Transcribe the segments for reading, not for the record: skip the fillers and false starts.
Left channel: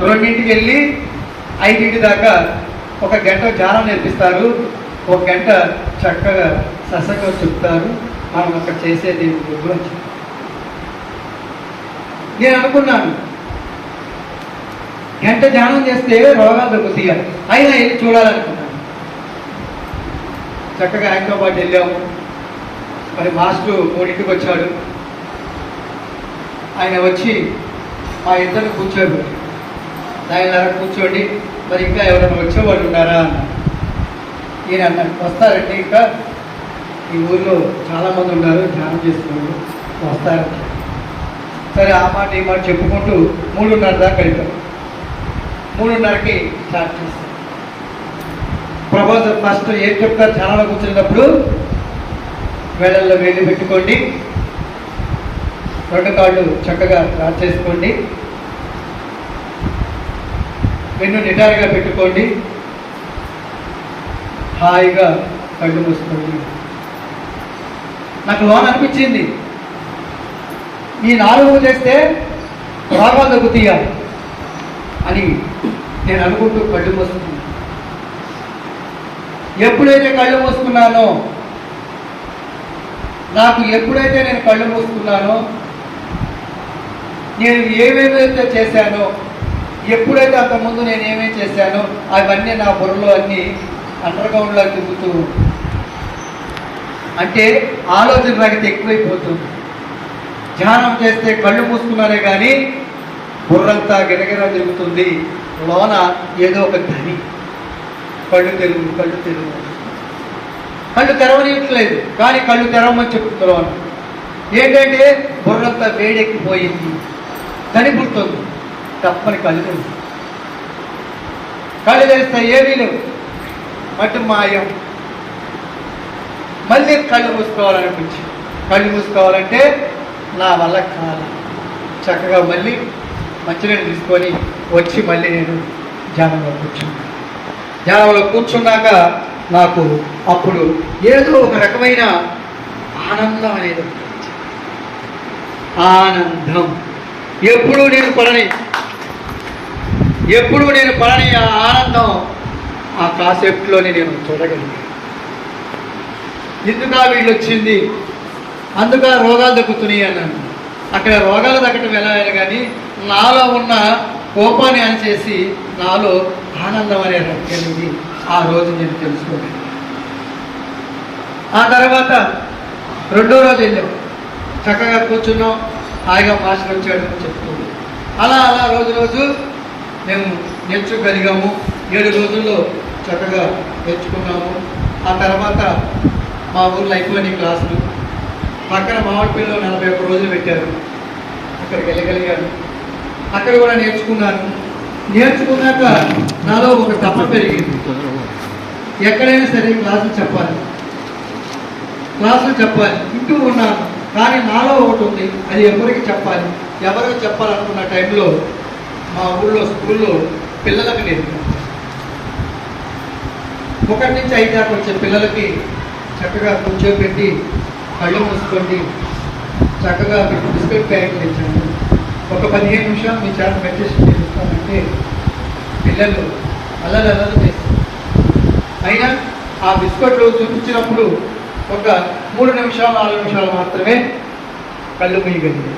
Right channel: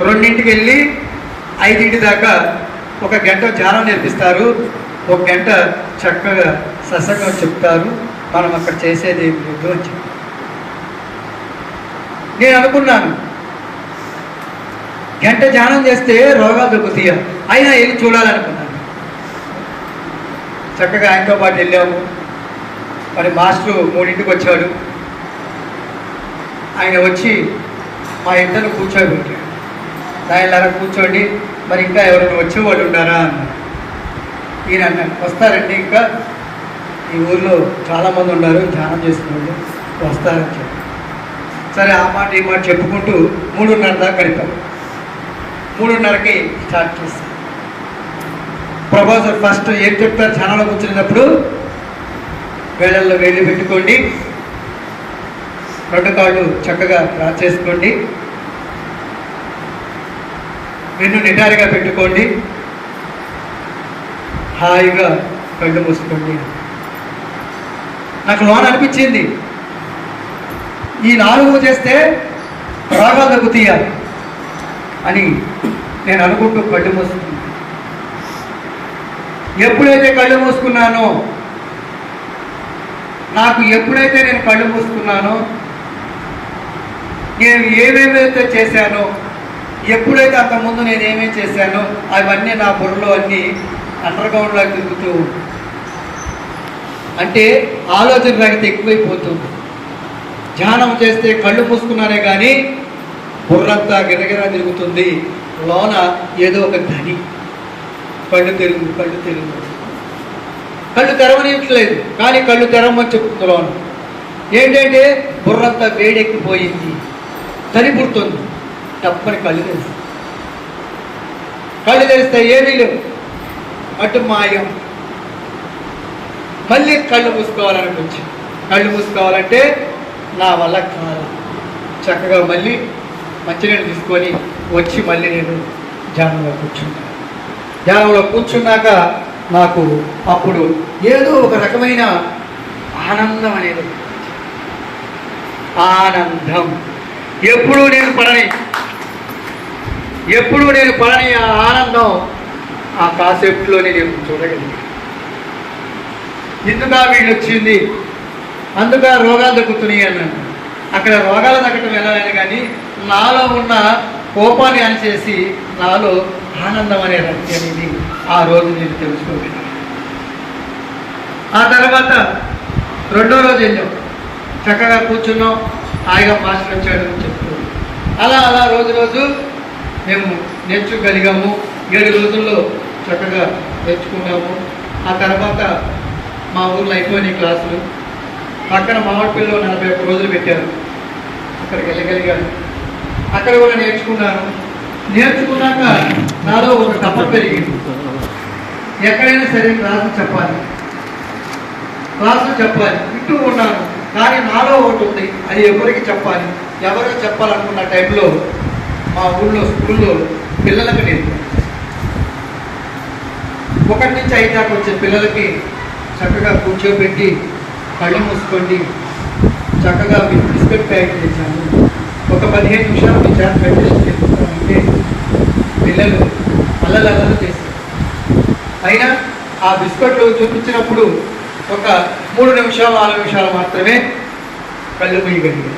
2ంటికి వెళ్ళి 5 దాకా ఒక గంట ధ్యానం నేర్పిస్తారు, ఒక గంట చక్కగా సత్సంగం చెప్తారు. మనం అక్కడ చేసేది లేదు అని చెప్పి నేను అనుకున్నాను. గంట ధ్యానం చేస్తే రోగాలు తగ్గుతాయా, అయినా వెళ్ళి చూడాలనుకున్నాను. చక్కగా ఆయనతో పాటు వెళ్ళాము. మరి మాస్టరు 3ంటికి వచ్చాడు. ఆయన వచ్చి మా ఇద్దరు కూర్చోబెట్టాడు. దానిలాగా కూర్చోండి, మరి ఇంకా ఎవరైనా వచ్చేవాళ్ళు ఉన్నారా అన్నాడు. ఈయన అన్నాడు, వస్తారండి, ఇంకా ఈ ఊళ్ళో చాలామంది ఉన్నారు ధ్యానం చేస్తున్నారు, వస్తారని చెప్పి. సరే ఆ మాట ఈ మాట చెప్పుకుంటూ 3:30 దాకా గడిపాం. 3:30కి స్టార్ట్ చేస్తాం. ప్రొఫెసర్ ఫస్ట్ ఏం చెప్తారు, ఛానల్లో కూర్చున్నప్పుడు వేళల్లో వేలు పెట్టుకోండి, 2 కాళ్ళు చక్కగా డ్రా చేసుకోండి, వెన్ను నిటారుగా పెట్టుకోండి, హాయిగా కళ్ళు మూసుకోండి. నాకు లోన అనిపించింది, ఈ 4 చేస్తే రోగాలు తగ్గుతాయా అని నేను అనుకుంటూ కళ్ళు మూసుకున్నాను. ఎప్పుడైతే కళ్ళు మూసుకున్నానో, నాకు ఎప్పుడైతే నేను కళ్ళు మూసుకున్నానో, నేను ఏమేమైతే చేశానో, ఎప్పుడైతే అంతకుముందు నేను ఏమేమి చేశానో అవన్నీ నా బుర్రలో అన్నీ అండర్గ్రౌండ్లో తిరుగుతూ, అంటే ఆలోచన రహిత ఎక్కువైపోతుంది. ధ్యానం చేస్తే కళ్ళు మూసుకున్నానే కానీ బుర్రంతా గిరగిరా తిరుగుతుంది. లోన ఏదో ఒక ధని, కళ్ళు తెలుగు కళ్ళు తెరవనియట్లేదు, కానీ కళ్ళు తెరవమని చెప్తుంది లోన. ఏంటంటే బుర్రంతా వేడెక్కిపోయింది, ధని పుడుతుంది. తప్పని కళ్ళు తెరిస్తే ఏమీ లేవు, అటు మాయం. మళ్ళీ కళ్ళు మూసుకోవాలనిపించి, కళ్ళు మూసుకోవాలంటే నా వల్ల కాదు. చక్కగా మళ్ళీ మంచినీళ్ళు తీసుకొని వచ్చి మళ్ళీ నేను ధ్యానంలో కూర్చున్నాను. ధ్యానంలో కూర్చున్నాక నాకు అప్పుడు ఏదో ఒక రకమైన ఆనందం అనేది, ఆనందం ఎప్పుడూ నేను పడని ఆ ఆనందం ఆ కాసేపులోనే నేను చూడగలిగాను. ఎందుకు వీళ్ళు వచ్చింది, అందుక రోగాలు తగ్గుతున్నాయి అన్నాను. అక్కడ రోగాలు తగ్గటం వెళ్ళాలని కానీ నాలో ఉన్న కోపాన్ని అనిచేసి నాలో ఆనందం అనే అనేది ఆ రోజు నేను తెలుసుకోగలిగాను. ఆ తర్వాత 2వ రోజు వెళ్ళాం, చక్కగా కూర్చున్నాం, హాయిగా మాస్టర్ వచ్చాడు చెప్తూ అలా రోజు మేము నేర్చుకోగలిగాము. 7 రోజుల్లో చక్కగా నేర్చుకున్నాము. ఆ తర్వాత మా ఊళ్ళో అయిపోయినాయి క్లాసులు. పక్కన మామిడిపల్లిలో 41 రోజులు పెట్టారు, అక్కడికి వెళ్ళగలిగాను. అక్కడ కూడా నేర్చుకున్నాను. నేర్చుకున్నాక నాలో ఒక తపన పెరిగింది, ఎక్కడైనా సరే క్లాసులు చెప్పాలి వింటూ ఉన్నాను. కానీ నాలో ఒకటి ఉంది, అది ఎవరికి చెప్పాలనుకున్న టైంలో మా ఊళ్ళో స్కూల్లో పిల్లలకు నేర్పాను. 1 నుంచి 5 దాకా వచ్చే పిల్లలకి చక్కగా కూర్చోబెట్టి కళ్ళు మూసుకోండి, చక్కగా మీరు బిస్కెట్ ప్యాకెట్ చేశాను, ఒక 15 నిమిషాలు మీ చేత మెడిటేషన్ చేస్తామంటే పిల్లలు అల్లలవలు చేస్తారు. అయినా ఆ బిస్కెట్లు చూపించినప్పుడు ఒక 3 నిమిషాలు 4 నిమిషాలు మాత్రమే కళ్ళు మూయగలిగారు.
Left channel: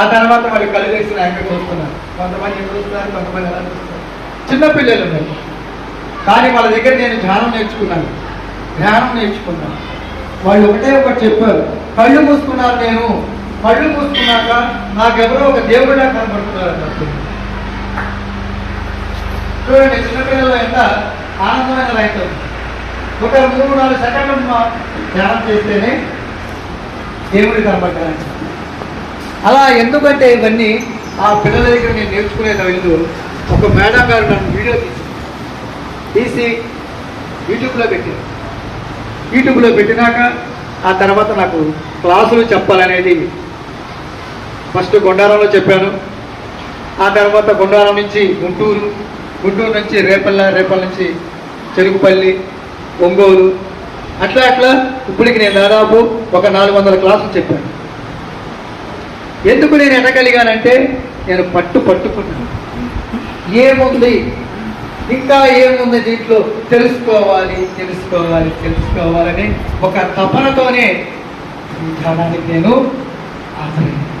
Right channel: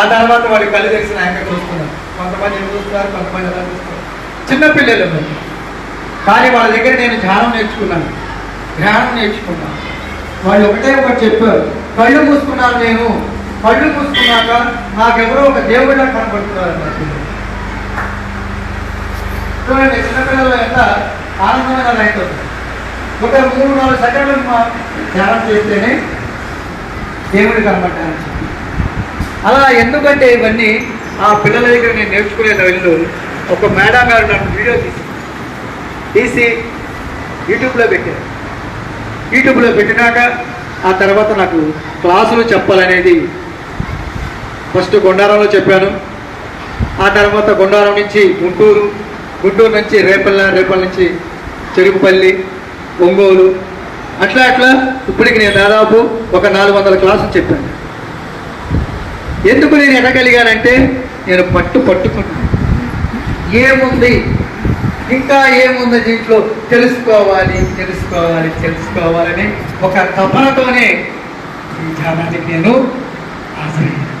ఆ తర్వాత వారి కళ్ళు తెరిసిన యాంకర్ చూస్తున్నారు. కొంతమంది చూస్తారు, కొంతమంది ఎలా చూస్తారు, చిన్నపిల్లలు ఉన్నారు. కానీ వాళ్ళ దగ్గర నేను ధ్యానం నేర్చుకున్నాను. వాళ్ళు ఒకటే చెప్పారు, కళ్ళు మూసుకున్నాను. నేను కళ్ళు మూసుకున్నాక నాకెవరో ఒక దేవుడిలా కనపడుతున్నారు అన్నట్టు. చూడండి, చిన్నపిల్లలు ఎంత ఆనందమైన రైతు. ఒక 3-4 సెకండ్లు ధ్యానం చేస్తేనే దేవుడు కనపడ్డాను. అలా ఎందుకంటే ఇవన్నీ ఆ పిల్లల దగ్గర నేను నేర్చుకునే వెళ్ళు. ఒక మేడం గారు నన్ను వీడియో తీసి యూట్యూబ్లో పెట్టినాక ఆ తర్వాత నాకు క్లాసులు చెప్పాలనేది ఫస్ట్ గుండారంలో చెప్పాను. ఆ తర్వాత గుండారం నుంచి గుంటూరు నుంచి రేపల్ల నుంచి చెరుకుపల్లి, ఒంగోలు, అట్లా ఇప్పటికి నేను దాదాపు ఒక 400 క్లాసులు చెప్పాను. ఎందుకు నేను ఎదగలిగానంటే నేను పట్టుకున్నాను. ఏముంది, ఇంకా ఏముంది దీంట్లో తెలుసుకోవాలి తెలుసుకోవాలి తెలుసుకోవాలని ఒక తపనతోనే ఈ ధ్యానానికి నేను హాజరయ్యాను.